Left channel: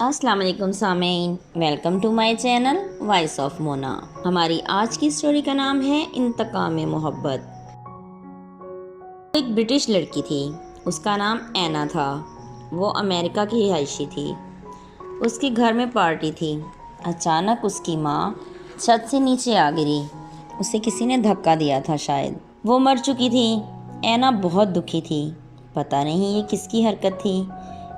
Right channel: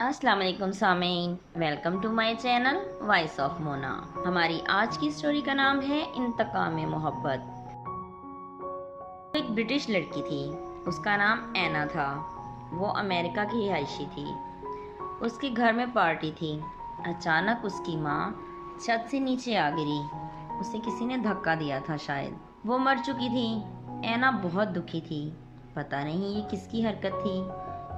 السلام علیکم سامعین، welcome to my channel voice of Mona. ہماری آج کی سٹوری کا نام ہے انتقام محبت۔ ایک برٹش لڑکی تھی، اس کا نام اینا تھا۔ وہ امریکہ کی رہائشی تھی۔ اس کے گھر میں پارٹی تھی۔ اچانک اس کی ماں چھت سے نیچے آ گری۔ اسے کسی نے دھکا دیا تھا شاید۔ وہ مر چکی تھی۔ اینا بہت دکھی تھی۔ پتہ نہیں یہ کس کی حرکت تھی۔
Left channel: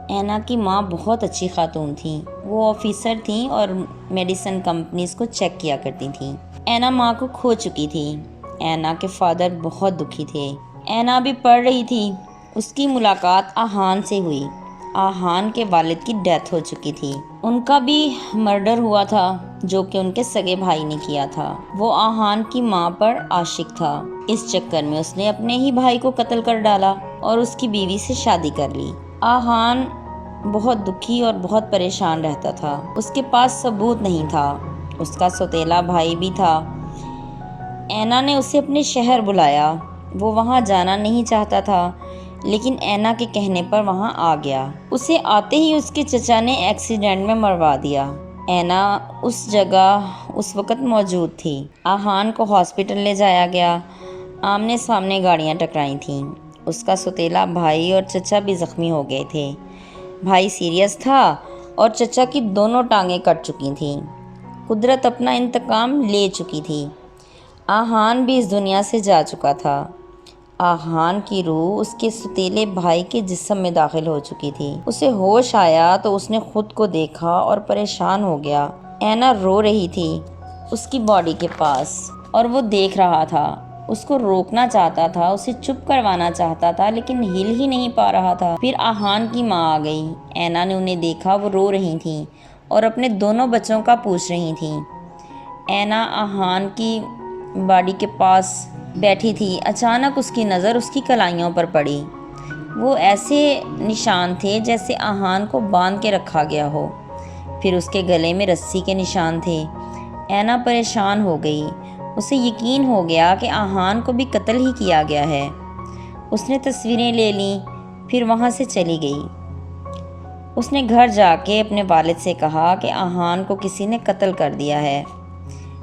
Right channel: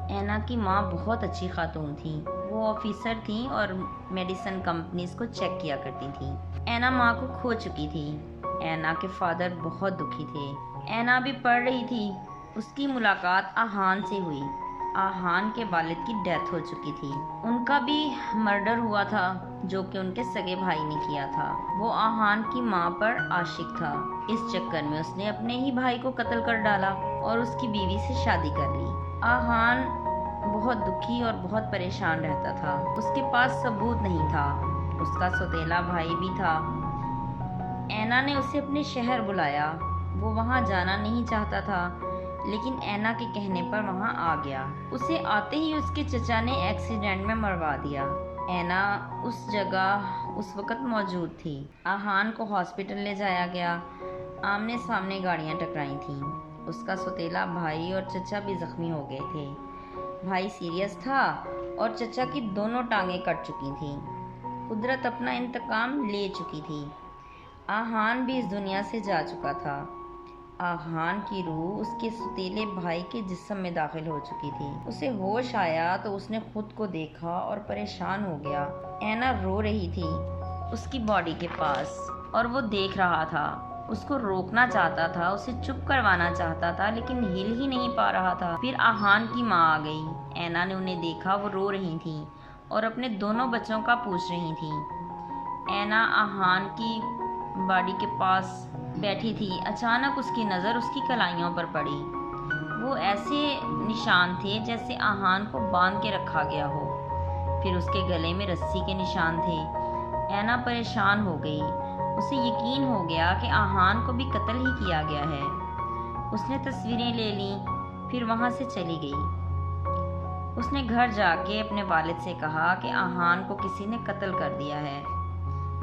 اینا کی ماں بہت اچھی خاتون تھیں۔ وہ آفیسر تھیں اور میڈیسن کمپنیز کو چیک کیا کرتی تھیں۔ اینا ماں کو کھو چکی تھی۔ اینا کے فادر بہت دکھی تھے۔ اینا بھی پڑھ رہی تھی۔ اس کی ملاقات آہان سے ہوئی۔ آہان کے والد کی ڈیتھ ہو چکی تھی۔ ان کا بھی مرڈر ہوا تھا، جو کہ ان کے سگے بھائی نے کیا تھا۔ وہ آہان کی ماں پر عاشق تھا۔ اس چکر میں اس نے اپنے ہی بھائی کو قتل کر ڈالا اور اس کی بیوی سے شادی کر لی۔ آہان بہت دکھی اور بہت پریشان رہتا تھا۔ اس کے پاس ثبوت نہیں تھا۔ اس کا سوتیلا بھائی بھی تھا۔ اینا نے اسے اپنے شہر بلایا۔ وہ وہاں جانا نہیں چاہتا تھا، لیکن اینا کے کہنے پر وہاں آ گیا۔ اسے آتے ہی اس کے چچا نے ایکسیڈنٹ میں مروا دیا۔ اینا اس جگہ اس وقت موجود تھی۔ آہان کو ہاسپٹل لے جایا گیا۔ آمنے سامنے گاڑیاں ٹکرائی تھیں۔ اس کا سوتیلا بھائی اور چچا بھی زخمی ہو گئے تھے۔ بھائی سیریس تھا اور چچا کی دونوں ٹانگیں کٹ چکی تھیں۔ قدرت اپنا انتقام لے چکی تھی۔ آہان بھی اس دنیا سے جا چکا تھا۔ آہان کی روح اس کے سوتیلے بھائی کے جسم میں داخل ہو چکی تھی۔ اسے ہوش آیا تو اس نے خود کو دیکھا اور پریشان ہو گیا۔ اینا رو رہی تھی اس کی باڈی کے پاس اور وہ دیکھ رہا تھا۔ اس کو روکنا چاہتا تھا، اسے چپ کروانا چاہتا تھا، لیکن ہل ہی نہیں پا رہا تھا۔ پھر آہان کی ماں آ گئی۔ اینا نے انہیں دیکھا، وہ رو رہی تھیں اور اپنے دونوں بچوں کا پوچھ رہی تھیں۔ اینا آہان کی باڈی کے پاس بیٹھی تھی۔ اچانک اس کی نظر اس کی کلائیوں پر پڑی۔ وہ ایسے نشان تھے جیسے آہان کو باندھ کے رکھا گیا ہو۔ پھر اس کے گلے میں رسی کے نشان تھے۔ اینا پریشان ہو گئی۔ اسے یقین ہو گیا کہ آہان کو بھی قتل ہی کیا گیا ہے۔ اس نے تصویریں لے لیں، پھر وہاں سے چلی گئی۔ اس نے گھر جا کے اپنے والد سے کہا کہ آہان کو کسی نے قتل کر دیا ہے۔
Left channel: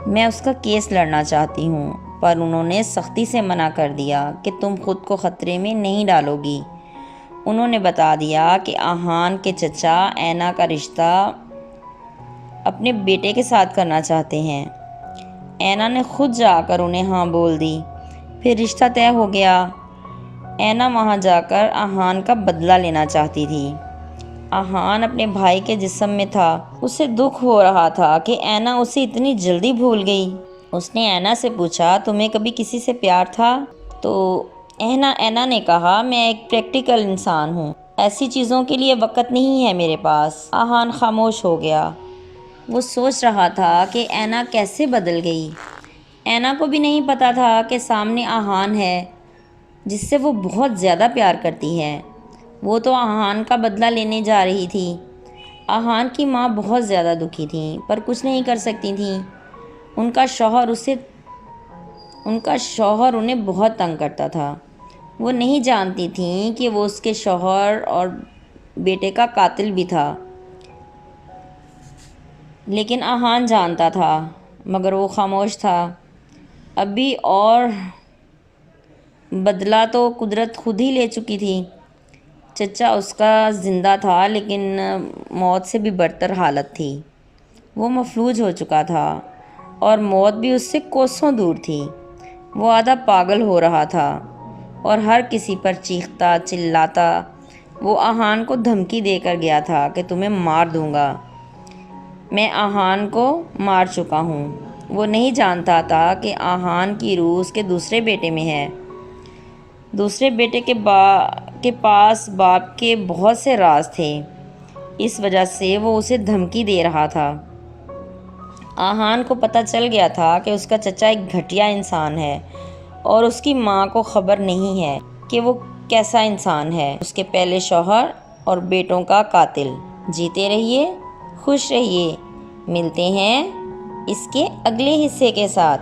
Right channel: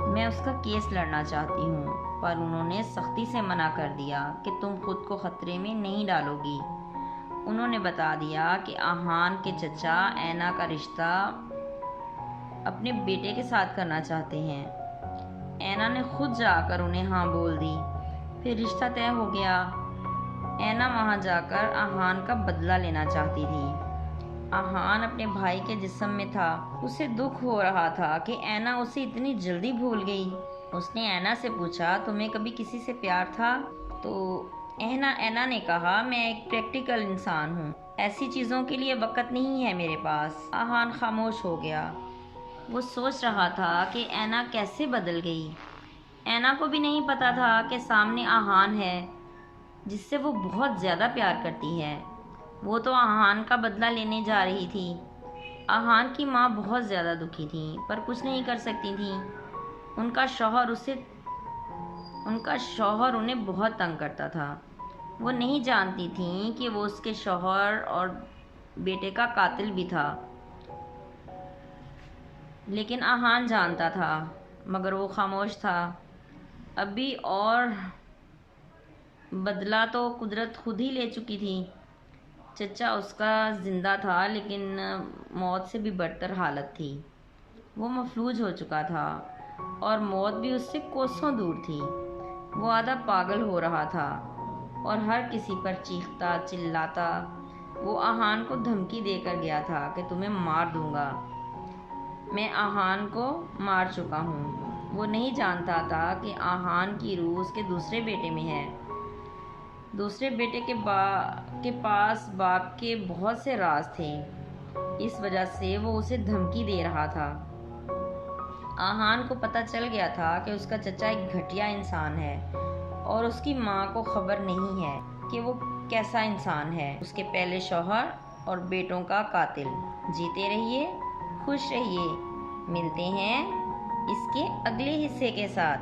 میں اس کا کیس لڑنا چاہتی ہوں، پر انہوں نے سختی سے منع کر دیا کہ تم خود کو خطرے میں نہیں ڈالو گی۔ انہوں نے بتا دیا کہ آہان کے چچا اینا کا رشتہ اپنے بیٹے کے ساتھ کرنا چاہتے ہیں۔ اینا نے خود جا کر انہیں ہاں بول دی۔ پھر رشتہ طے ہو گیا۔ اینا وہاں جا کر آہان کا بدلہ لینا چاہتی تھی۔ آہان اپنے بھائی کے جسم میں تھا۔ اسے دکھ ہو رہا تھا کہ اینا اسے اتنی جلدی بھول گئی۔ اس نے اینا سے پوچھا، تمہیں کبھی کسی سے پیار تھا؟ تو اینا نے کہا، میں ایک پریکٹیکل انسان ہوں، ایسی چیزوں کے لیے وقت نہیں ہے میرے پاس۔ آہان خاموش ہو گیا۔ وہ سوچ رہا تھا کہ اینا کیسے بدل گئی۔ اینا کو بھی نہیں پتا تھا کہ سامنے آہان ہے جس سے وہ بہت زیادہ پیار کرتی ہے۔ وہ تو آہان کا بدلہ لینے جا رہی تھی۔ آہان کی ماں بہت زیادہ دکھی تھیں، پر کچھ نہیں کر سکتی تھیں۔ ان کا شوہر انہیں بہت تنگ کرتا تھا۔ وہ نہیں جانتی تھیں کہ وہ اس کے شوہر اور بیٹے کا قاتل بھی تھا، لیکن آہان جانتا تھا، مگر وہ خاموش تھا۔ ابھی اور بدلہ تو قدرت خود ہی لے چکی تھی۔ چچا اس کا زندہ تھا، لیکن موت سے بھی بدتر حالت تھی۔ وہ مفلوج ہو چکا تھا اور موت بھی اس سے کوسوں دور تھی۔ وہ آدھا پاگل ہو رہا تھا اور ہر کسی پر چیختا چلاتا۔ وہ آہان کو دھمکی دے کر گیا تھا کہ تمہیں مار دوں گا۔ میں آہان کو مار چکا ہوں۔ وہ نہیں جانتا تھا کہ آہان کی روح اس کے دوسرے بیٹے میں ہے۔ دوسرے بیٹے کے پاس باپ کے بہت سے راز تھے، اس وجہ سے وہ اسے دھمکی دے رہا تھا۔ آہان کو پتہ چل گیا تھا کہ اس کا چچا ایک گھٹیا انسان ہے اور اس کی ماں کو خبر نہیں ہے کہ وہ کیسا انسان ہے، اس کے پہلے شوہر اور بیٹوں کا قاتل۔ جیتے رہیے، خوش رہیے۔ ملتے ہیں اس کے اگلے حصے کے ساتھ۔